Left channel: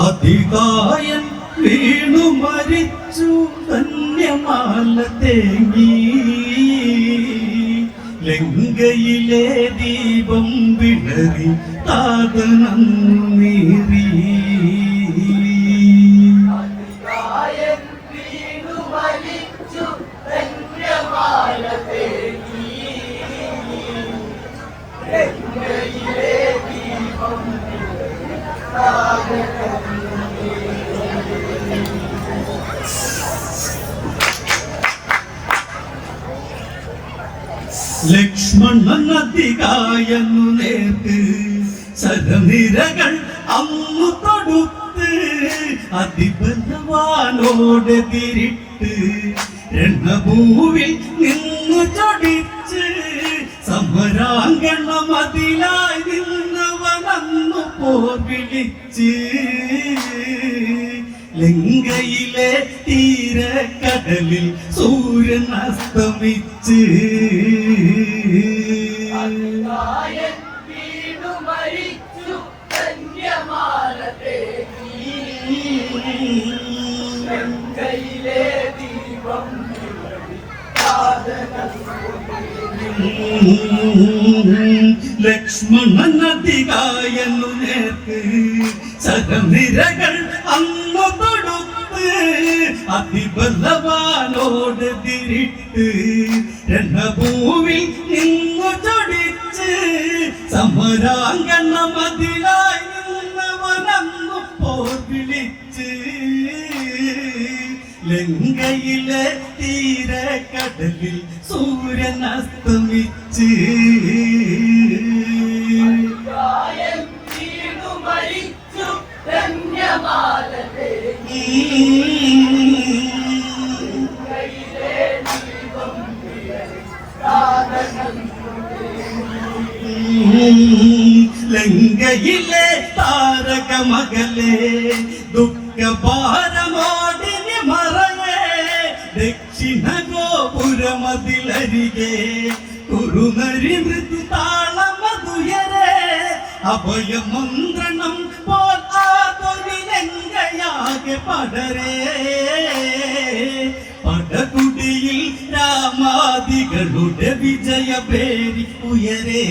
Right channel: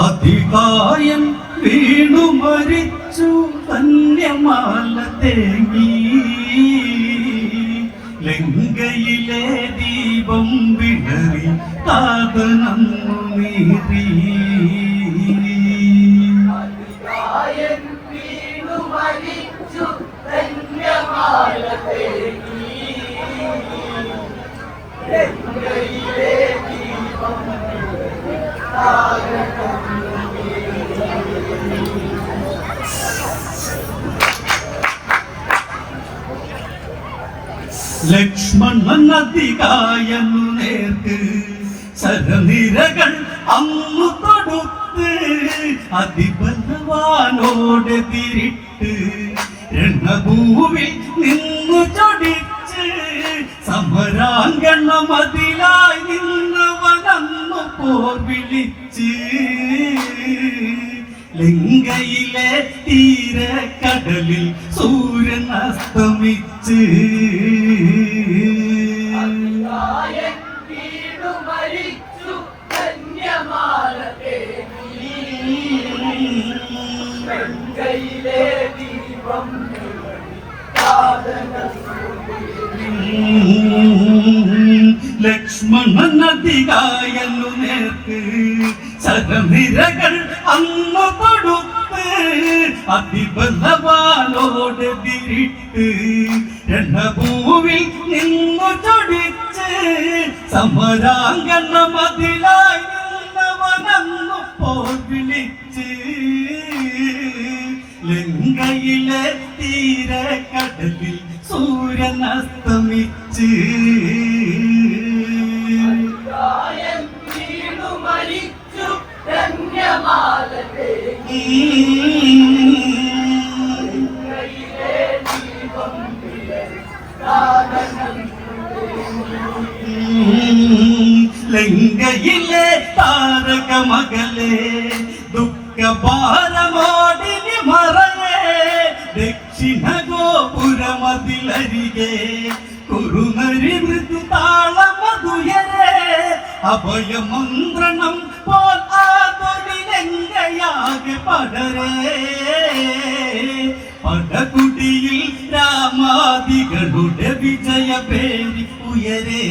അതികായൻ വീണു മരിച്ചു ധന്യമാല തേങ്ങി ലങ്കയിലെ ദീപം വിടറി കാതനം നീറി ലക്ഷ്മണൻ അതികായനു നേർക്ക് ശരനിരകൾ അന്നു തൊടുത്ത് അതിബലവാനോടെതിരിട്ട് രണഭൂവിൽ നിന്നു ചൊടിച്ച് സമരാങ്കണമതിലായി നിന്നവനന്നു പോർ വിളിച്ച് ലങ്കയിലെ തീരക്കടലിൽ സൂര്യൻ അസ്തമിച്ച് ലക്ഷ്മണൻ അതികായനു നേർക്ക് ശരനിരകൾ അന്നു തൊടുത്ത് അതിബലവാനോടെതിരിട്ട് രണഭൂവിൽ നിന്നു ചൊടിച്ച് സമരാങ്കണമതിലായി നിന്നവനന്നു പോർ വിളിച്ച് ലങ്കയിലെ തീരക്കടലിൽ സൂര്യൻ അസ്തമിച്ച് ലങ്കയിലെ താരകമകലെ ദുഃഖഭാരമോടിനി മറയേ ദക്ഷിണ ഗോപുരമതിലരികെ കുറുനരി മൃദു താളമതുയരെ അഭയമന്ത്രണം പോൽ ആതുരിലങ്കയാകെ പടരേ പടകുടിയിൽ രാമാദികളുടെ വിജയപേരി ഉയരേ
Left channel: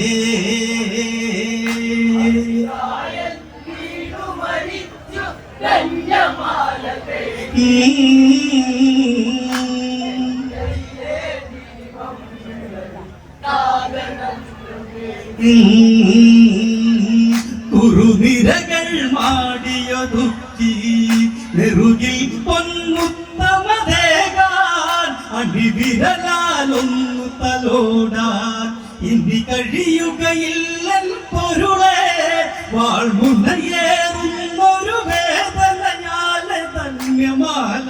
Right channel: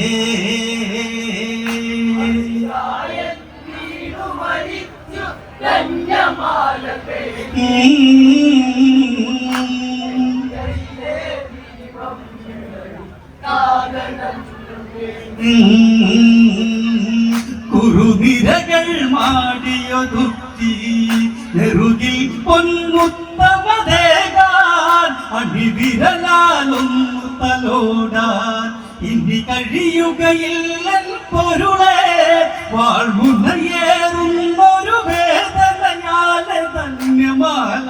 കുറുനിരകൾ മാടിയൊതുക്കി നെറുകിൽ പൊന്മുത്തമതേകാൻ അടിവിരലാലൊന്നു തലോടാൻ ഇനി കഴിയുകയില്ലൻ പൊരുളെ വാൾമുനയേറുന്നൊരു വേദനയാലെ ധന്യമാല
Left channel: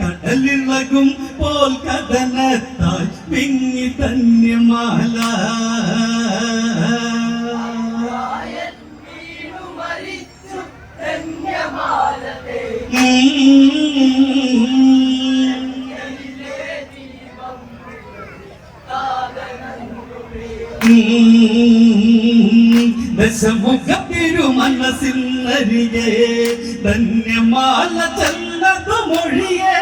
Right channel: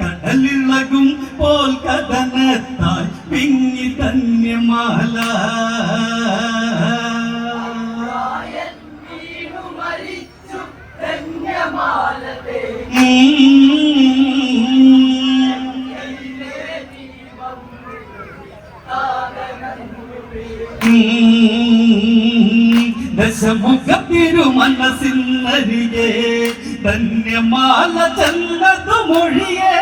കടലിളകും പോൽ കഥനത്താൽ പിങ്ങി ധന്യമാല ദശമുഖത്തിരുമനസിന്നരികെ ധന്യമാല ചെന്നതു മൊഴിയേ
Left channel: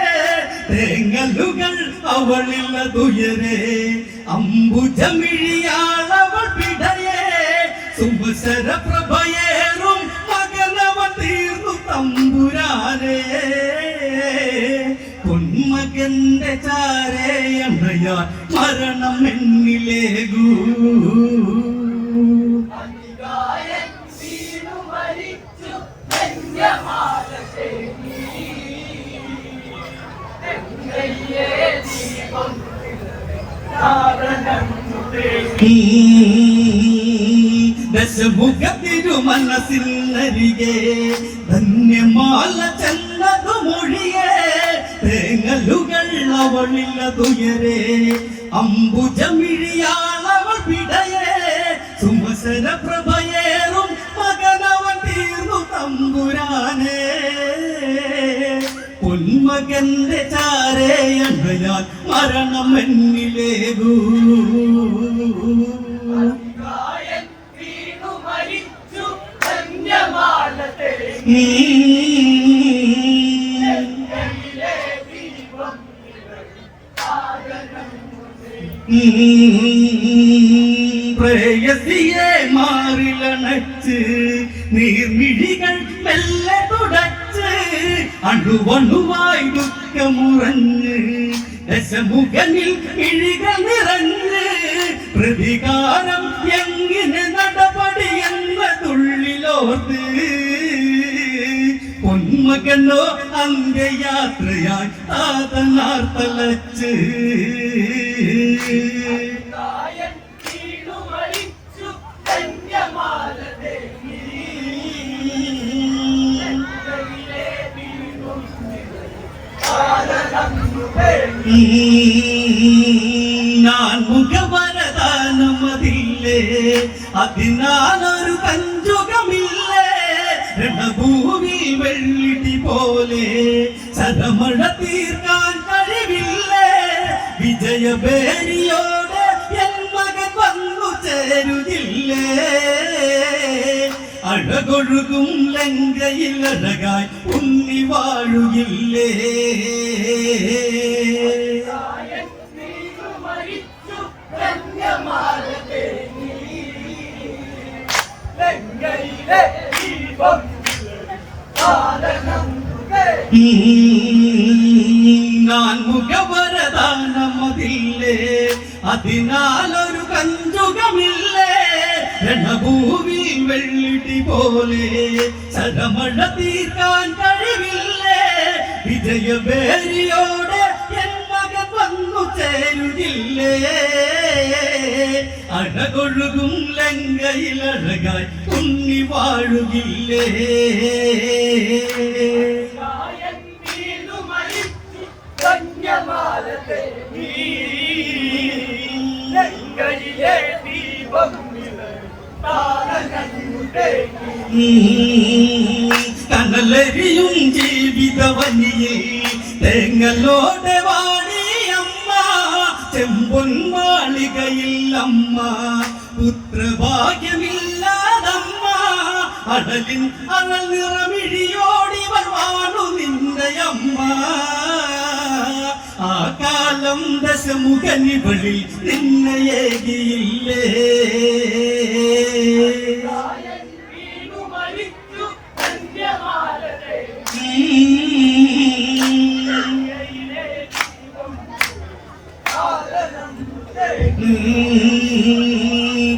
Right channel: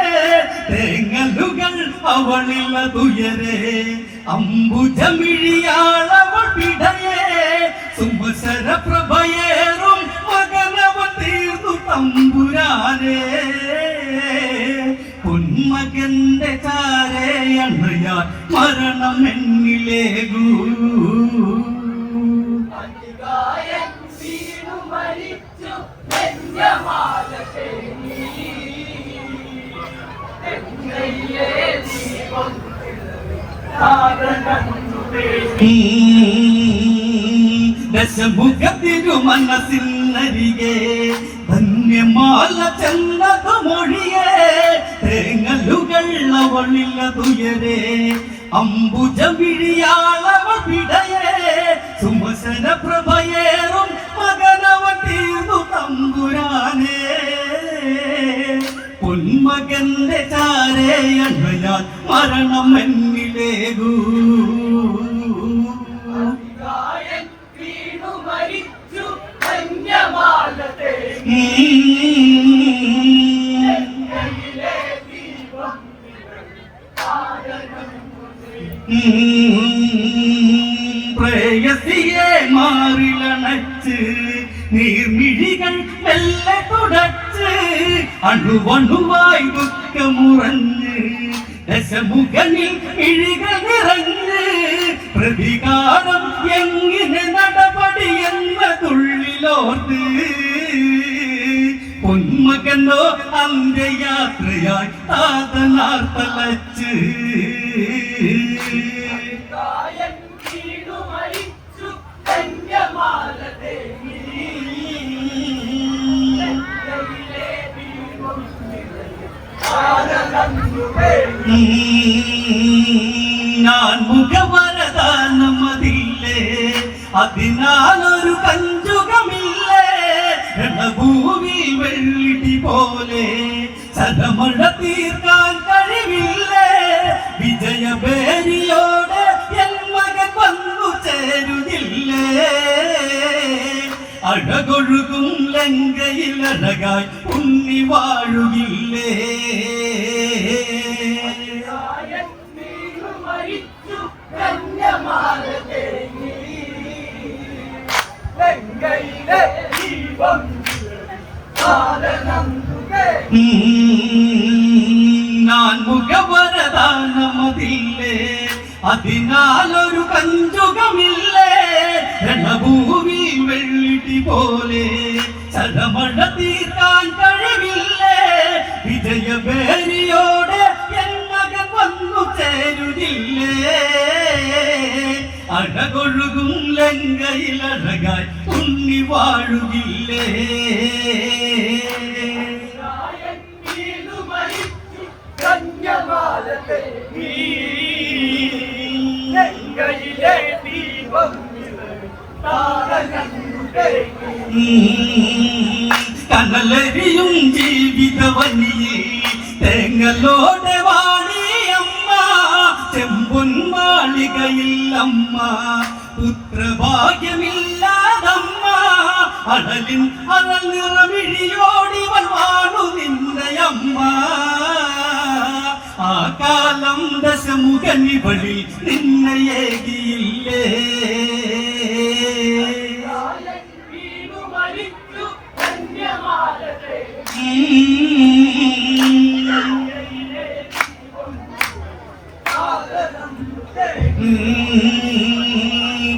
തേങ്ങലുകൾ അവളിലതുയരെ അംബുജമിഴിയാളവൾ പിടയേ സുമസര പ്രഭയേറും മകനവ തീർന്നു തമ്പുരാനേ പൊന്മകന്റെ ചാരയണയാ മരണം എന്നിലേകൂ ദശമുഖത്തിരുമനസിന്നരികെ ധന്യമാല ചെന്നതു മൊഴിയേ തേങ്ങലുകൾ അവളിലതുയരെ അംബുജമിഴിയാളവൾ പിടയേ സുമസര പ്രഭയേറും മകനവ തീർന്നു തമ്പുരാനേ പൊന്മകന്റെ ചാരയണയാൽ മരണം എന്നിലേകൂ വീണു മരിച്ചു ധന്യമാ പ്രേയസിയെ മാറിലണച്ച് നീർമിഴികൾ മെല്ലെ തുടച്ച് അണുവണുവായി ദുഃഖമുറഞ്ഞ് ദശമുഖനിൽ മിഴികൾ നിറഞ്ഞ് പ്രതികാരം എങ്ങനെ നടപടി എന്നതുള്ളിലോർത്ത് പൊന്മകനോ അന്ത്യയാത്രയായി താതനാർത്തലച്ച് ഞാൻ മുഖവരദാനമതില്ലേ അതിനാലൊരു കഞ്ചുകമില്ലേ രണഭൂമി വെള്ളിടി പോലെ സദമഴ തീർക്കാൻ കഴിവില്ലേ വിജയഭേരിയോടെ എൻ മകൻ വന്നു ചേരുകില്ലേ അഴകൊഴുകും ലങ്കയിൽ അഴകായി ഉണ്ണി വാഴുകില്ലേ ഞാൻ മുഖവരദാനമതില്ലേ അതിനാലൊരു കഞ്ചുകമില്ലേ രണഭൂമി വെള്ളിടി പോലെ ചരമഴ തീർക്കാൻ കഴിവില്ലേ വിജയഭേരിയോടെ എൻ മകൻ വന്നു ചേരുകില്ലേ അഴകൊഴുകും ലങ്കയിൽ അഴകായി ഉണ്ണി വാഴുകില്ലേ കനലരിയും ജീവിതവനിയിൽ തേങ്ങലോടെ വാണിയമ്മ ചെമ്പൊൻ മാളികയിൽ അമ്മ പുത്രഭാഗ്യമില്ലാതമ്മ അടലിൻ അഴൽ നിറമിഴിയോടിവൾ വാണു നിന്റെ അമ്മ ആ കാലം ദശമുഖനിവളിൽ നിന്നയേകിയില്ലേ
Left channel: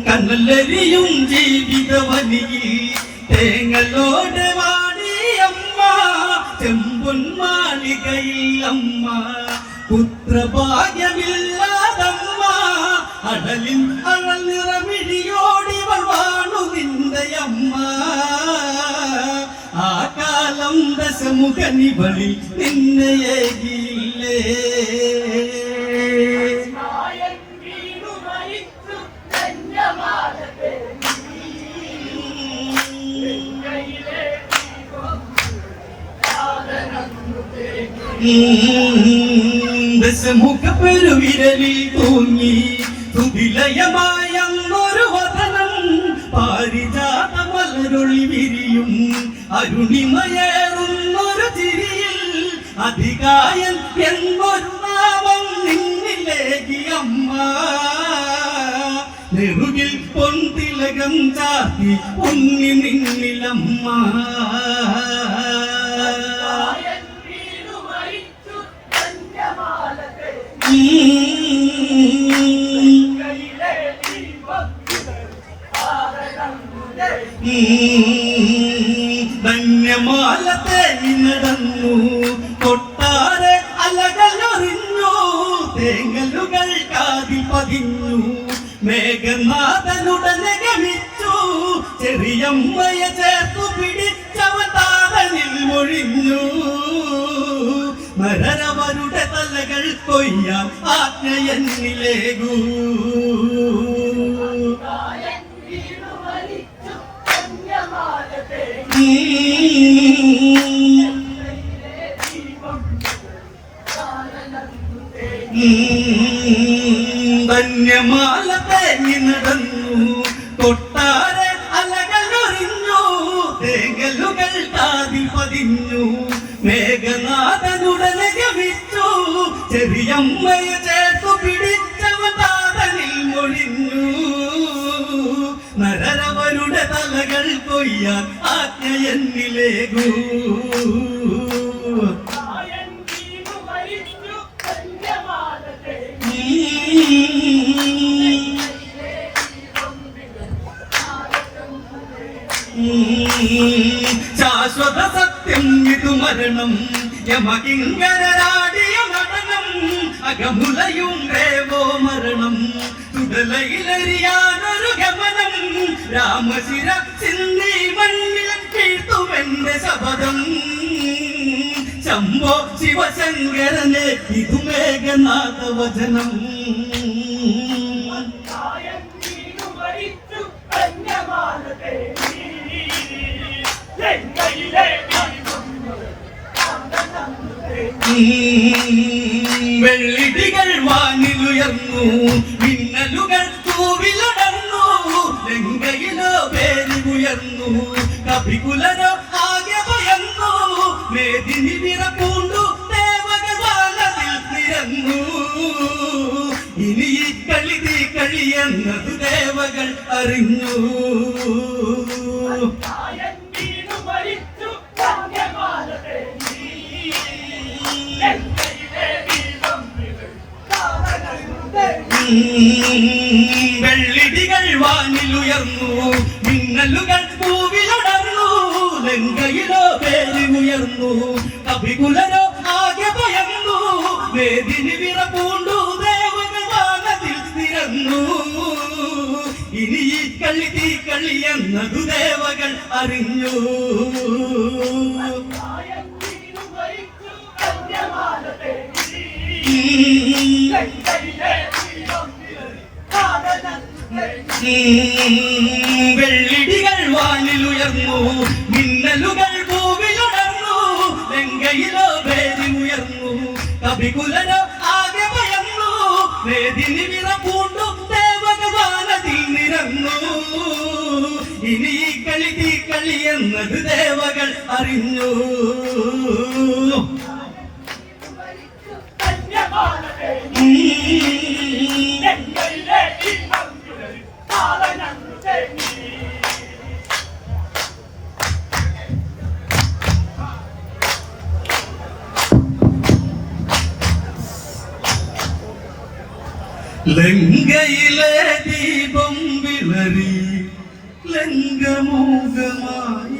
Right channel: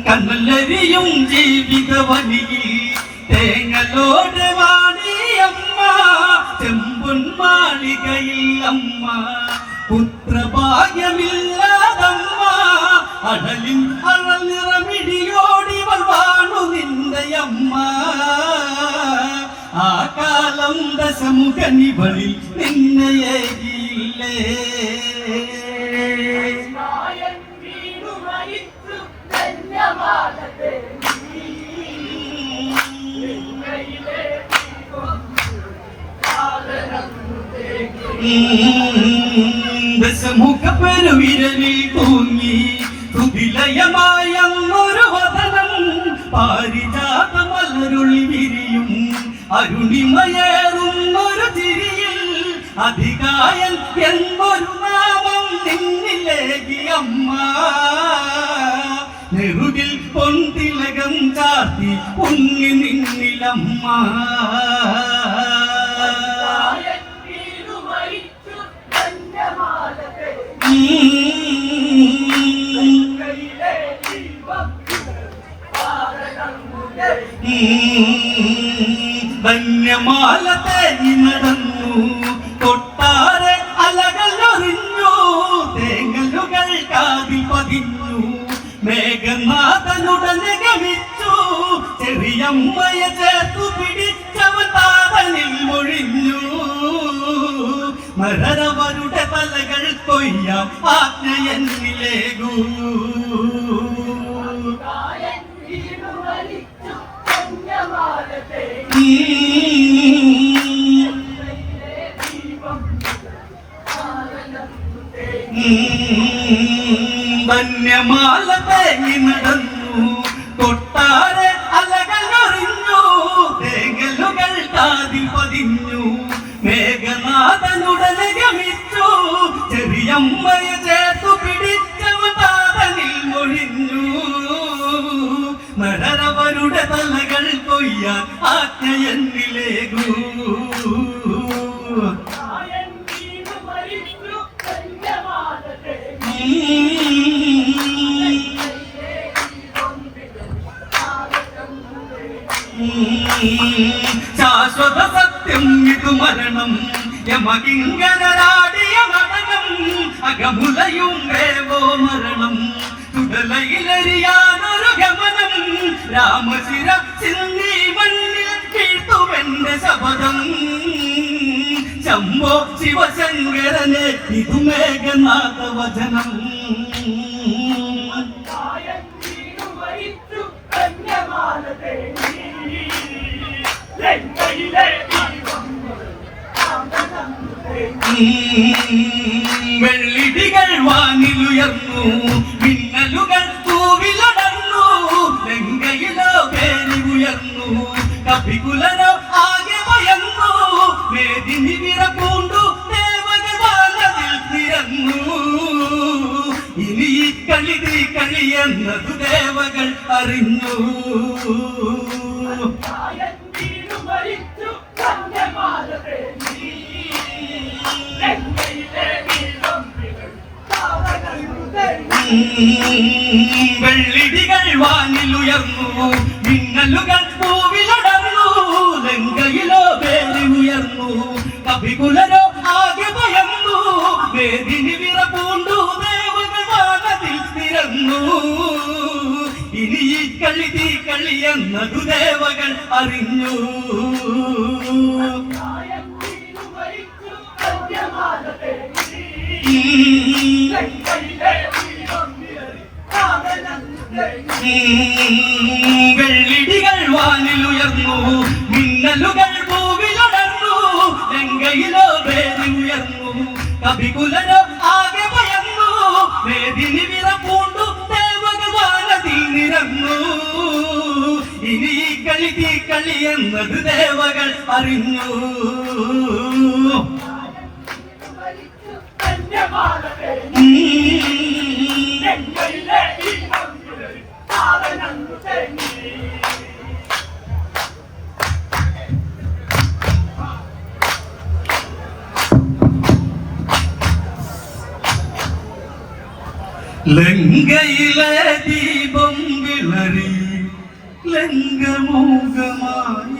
കനലരിയും ജീവിതവനിയിൽ തേങ്ങലോടെ വാണിയമ്മ ചെമ്പൊൻ മാളികയിൽ അമ്മ പുത്രഭാഗ്യമില്ലാതമ്മ അടലിൻ അഴൽ നിറമിഴിയോടിവൾ വാണു നിന്റെ അമ്മ ആ കാലം ദശമുഖനിവളിൽ നിന്നയേകിയില്ലേ ദശമുഖപ്പെരുവിരലിൽ തൂങ്ങി കുതിലയമായ അങ്ങൊരു വദനം പാരിജാത മലരുളി വിരിയും അരുണിമയേറുന്നൊരു ചിരിയിൽ അധികായൻ എന്നൊരു നാമം നിന്നിലേകി അമ്മ നെറുകിൽ പൊന്തിലകം ചാത്തി ഉണ്ണി നിന്നിലമ്മ ധന്യമാലത്തെ നടന്നു കൊട്ടാരെ അലകളറിഞ്ഞു തേങ്ങലുകൾ കാതിൽ പതിഞ്ഞു മേഘനാഥനുടനെ ഗമിച്ചു ചെറിയമ്മയെ ചേർത്തു പിടിച്ചവൻ താതനിൽ ഒഴിഞ്ഞു മരരവരുടെ തലകൾ കൊയ്യാം ആജ്ഞയെന്നിലേകൂ ധന്യമാല തേങ്ങി നടന്നു കൊട്ടാരെ അലകളറിഞ്ഞു തേങ്ങലുകൾ വാനതിൽ പതിഞ്ഞു. മേഘനാഥനുടനെ ഗമിച്ചു. ചെറിയമ്മയെ ചേർത്തു പിടിച്ചവ താതനിൽ മൊഴിഞ്ഞു. നരരവരുടെ തലകൾ കൊയ്യാൻ ആജ്ഞയെന്നിലേകൂ. ശാശ്വത സത്യം ഇതു മരണം. യമകിങ്കരാടിയ നടനം. അകമുലയും വേവോ മരണം. തുടലയിലറിയാനൊരു ഗമനം. രാമശിര സിന്നി മണ്ണിൽ വീഴ്ത്തുമെന്റെ ശപഥം. ശംഭോ ശിവശങ്കരനെ ഇതു മേഘനാഥ വചനം. വെള്ളിടികൾ വാനിലുയർന്നു. മിന്നലുകൾ തൂവിലടർന്നു. ലങ്കയിലോ പേരി ഉയർന്നു. കപികുലരോ ആകെ ഭയന്നു. മേദിനി വിറപൂണ്ടു ദേവഗാനത്തിൽ നിരന്നു. ഇനി ഈ കളി എന്നതു ദേവകൾ അറിഞ്ഞു. വെള്ളിടികൾ വാനിലുയർന്നു. മിന്നലുകൾ തൂവിലടർന്നു. ലങ്കയിലോ പേരി ഉയർന്നു. കപികുലരോ ആകെ ഭയന്നു. വേദിനി വിറപൂണ്ടു ദേവഗാനത്തിൽ നിരന്നു. ഇനി ഈ കളി എന്നതു ദേവകൾ അറിഞ്ഞു. വെള്ളിടികൾ വാനിലുയർന്നു. മിന്നലുകൾ ഭൂവിലടർന്നു. ലങ്കയിലോ പേരി ഉയർന്നു. കപികുലരോ ആകെ ഭയന്നു. വേദിനി വിറപൂണ്ടു ദേവഗാനത്തിൽ നിരന്നു. ഇനി ഈ കളി എന്നത് ദേവകൾ അറിഞ്ഞു. ലങ്കയിലെ ദീപം വിളറി. ലങ്കമോഹമായ